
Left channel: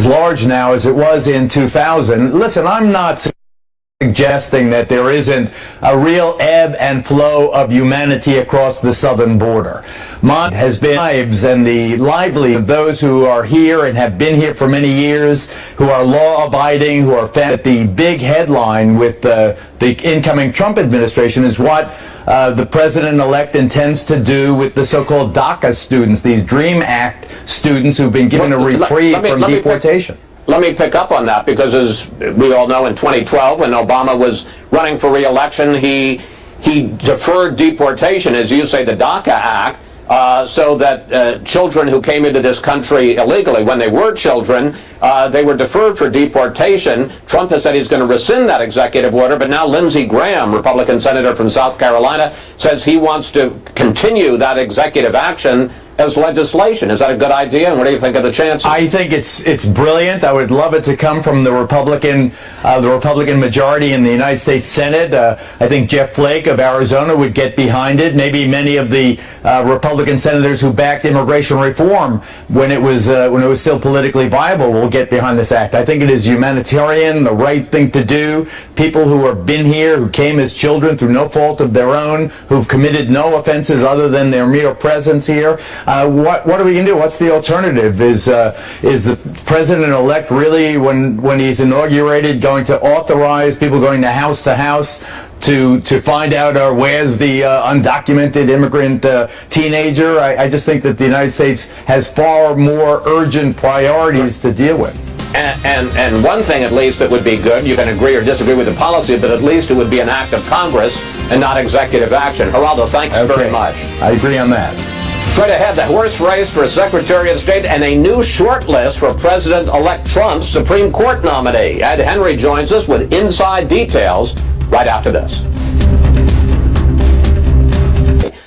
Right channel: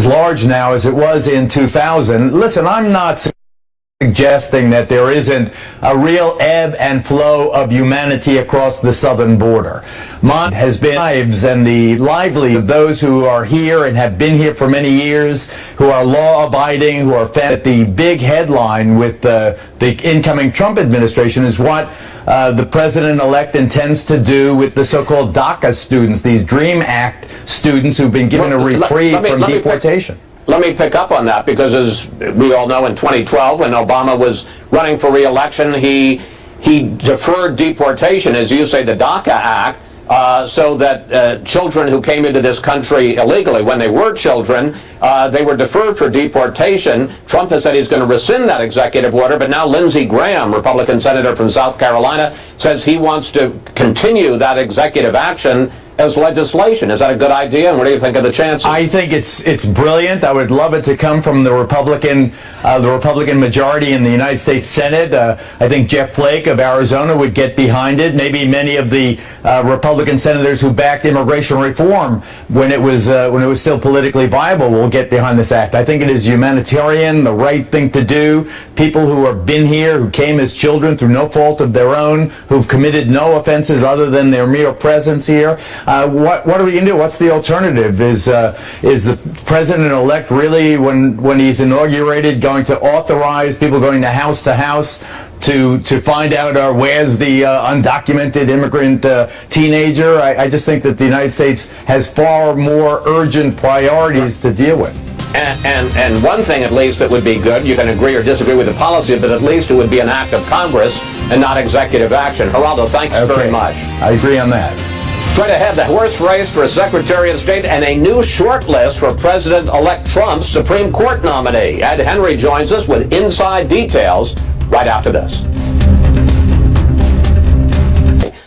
large now as it was in 2000. Listen, I'm not suggesting that there isn't a real ebb and flow of humanity across the southern border. Mine has been lives and the livelihood of those who are here and have been here for many years, who are law-abiding, who are fed. The big headline with the incoming Trump administration is what the president-elect intends to do with the so-called DACA students, these DREAM Act students who've been given a reprieve from deportation. Let me pick up on that, because as we all know, in 2012, when Obama was running for re-election, he deferred deportation, as you say, the DACA Act, so that children who came into this country illegally, when they were children, they were deferred for deportation. Trump has said he's going to rescind that executive order, but now Lindsey Graham, Republican senator from South Carolina, says he wants to continue that executive action as legislation. Is that a good idea, and what do you think of the chances? I think it's brilliant. I would love it to come from the Republican majority in the United States Senate. I think Jeff Flake of Arizona would get behind it. Maybe many of the Republican senators who backed immigration reform when it was still politically viable will get behind this act. I think it is humanitarian, the right thing to do. People who have been here, who came as children through no fault of their own, who've committed no offenses other than their mere presence here. What are we going to do? What's the alternative? Is the president-elect really, when he's inaugurated, going to authorize people going to house to find out where's the undocumented immigrant teenager? I just think that the United States has far more urgent priorities to deal with. And one thing, at least, that would be good, you can agree or disagree with the policy, but at least it would be an act of Congress and not executive action. Geraldo, thanks very much. I agree on that. Straight ahead, the horse race for Secretary of State and a new short list for President-elect Trump's Supreme Court nominee. Ed Henry joins us with inside details right after this.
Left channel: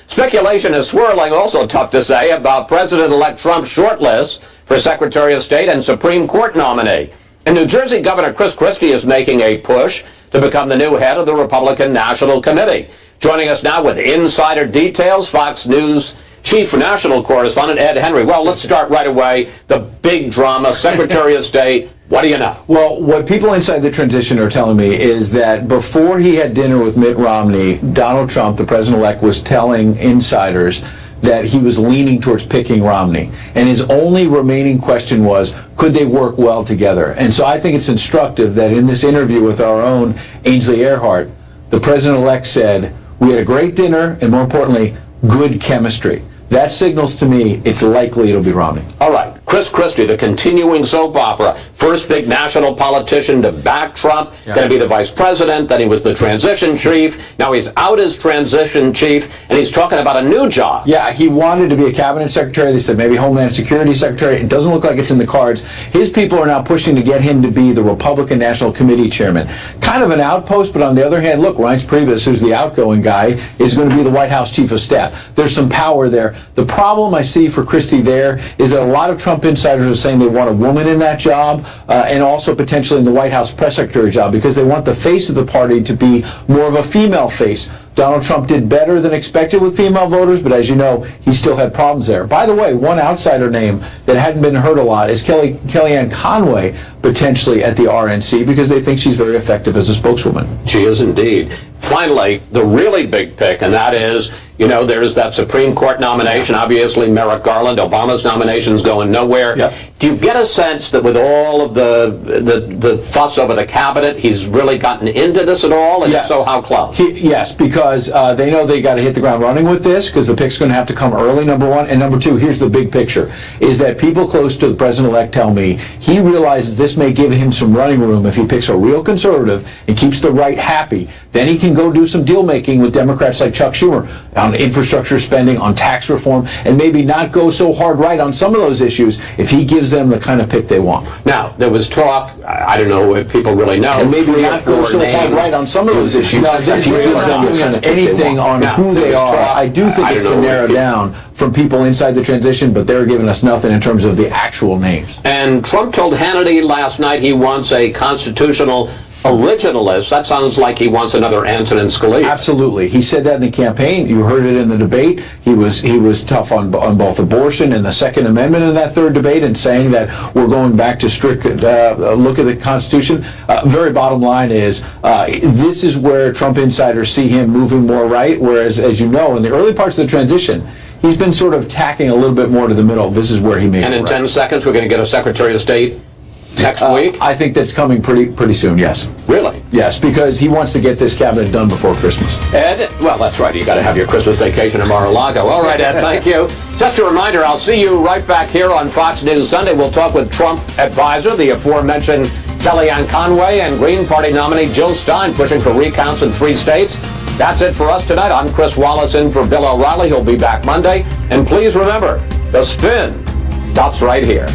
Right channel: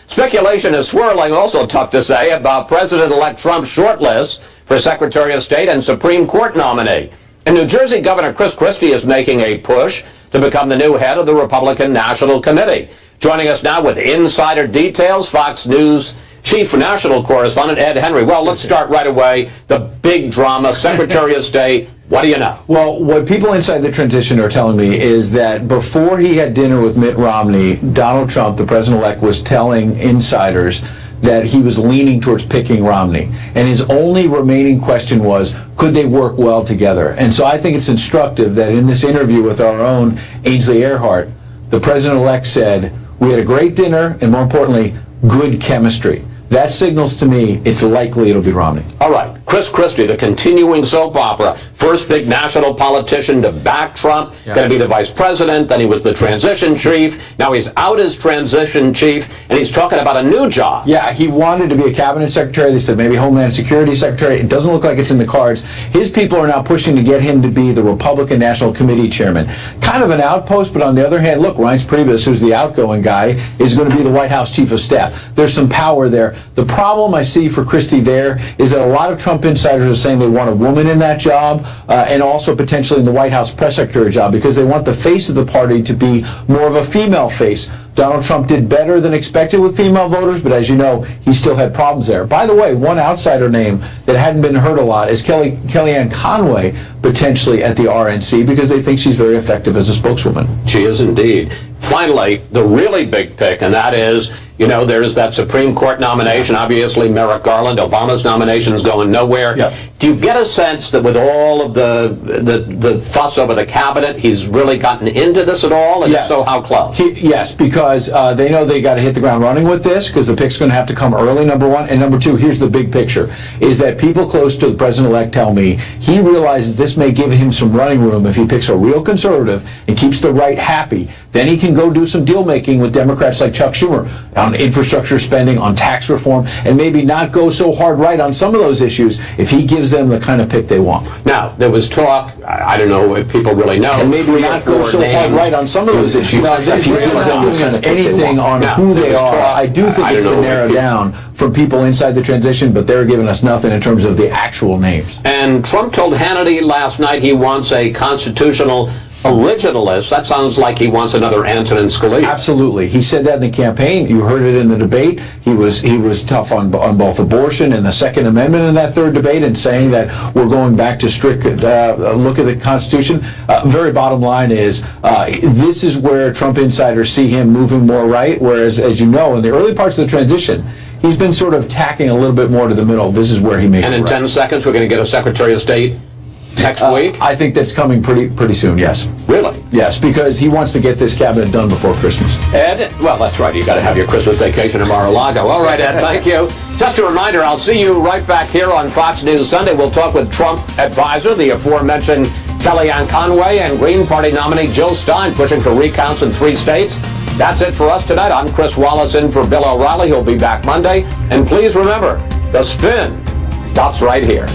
Speculation is swirling, also tough to say, about President-elect Trump's short list for Secretary of State and Supreme Court nominee. In New Jersey, Governor Chris Christie is making a push to become the new head of the Republican National Committee. Joining us now with insider details, Fox News Chief National Correspondent Ed Henry. Well, let's start right away. The big drama, Secretary of State. What do you know? Well, what people inside the transition are telling me is that before he had dinner with Mitt Romney, Donald Trump, the president-elect, was telling insiders that he was leaning towards picking Romney. And his only remaining question was, could they work well together? And so I think it's instructive that in this interview with our own Ainsley Earhart, the president-elect said, we had a great dinner, and more importantly, good chemistry. That signals to me it's likely it'll be Romney. All right. Chris Christie, the continuing soap opera, first big national politician to back Trump, going to be the vice president, then he was the transition chief, now he's out as transition chief, and he's talking about a new job. Yeah, he wanted to be a cabinet secretary. They said maybe Homeland Security secretary. It doesn't look like it's in the cards. His people are now pushing to get him to be the Republican National Committee chairman. Kind of an outpost, but on the other hand, look, Reince Priebus, who's the outgoing guy, is going to be the White House chief of staff. There's some power there. The problem I see for Christie there is that a lot of Trump insiders are saying they want a woman in that job, and also potentially in the White House press secretary job, because they want the face of the party to be more of a female face. Donald Trump did better than expected with female voters, but as you know, he still had problems there. By the way, one outsider name that hadn't been heard a lot is Kellyanne Conway, potentially at the RNC, because they think she's very effective as a spokeswoman. She is indeed. Finally, the really big pick, and that is, you know, there's that Supreme Court nomination. Obviously, Merrick Garland, Obama's nomination is going nowhere. Yep. Do you get a sense that with all of the fuss over the cabinet, he's really gotten into this at all? And yes. If so, how close? Yes, because they know they got to hit the ground running with this, because the pick's going to have to come early, number one. And number two, here's the big picture, is that people close to the president-elect tell me he realizes this may give him some running room if he picks a real conservative and keeps the right happy. Then he can go do some deal-making with Democrats like Chuck Schumer on infrastructure spending, on tax reform, and maybe not go so hard right on some of those issues if he gives them the kind of pick they want. Now, there was talk, I don't know if people really know, and maybe not go so hard right on some of those issues if he gives them the kind of anything on who they are. I do think it's been narrowed down from people inside the transition, but they're giving us nothing in terms of the actual names. And Trump told Hannity last night he wants a constitutional originalist. That sounds like he wants another Antonin Scalia. Absolutely. He said that in the campaign. You heard it in the debate. He was tough on both abortion and the Second Amendment in that third debate, and saying that we're going back to strict look at the Constitution. Very bottom line is this is where Trump insiders see him moving more right, whereas, as you know, in the early parts of the transition, he's been sort of tacking a little bit more to the middle. This is where he made it. And in right. 10 seconds, we're going to get a Secretary of State next week? I think that's coming pretty soon, yes. Really? Yes, because he wants to get this cabinet done before Christmas. Ed? Well, that's right. You got to have your Christmas vacation in Mar-a-Lago. All right, Ed, thank you. Just a reminder, I'll see you right back here on Fox News Sunday. We'll talk with Trump advisor, the aforementioned Kellyanne Conway, and Green Party nominee Jill Stein, pushing for recounts in 3 states. That's it for us tonight. I'm Chris Wallace in for Bill O'Reilly. He'll be back Monday. And please remember, The Spin stops right here.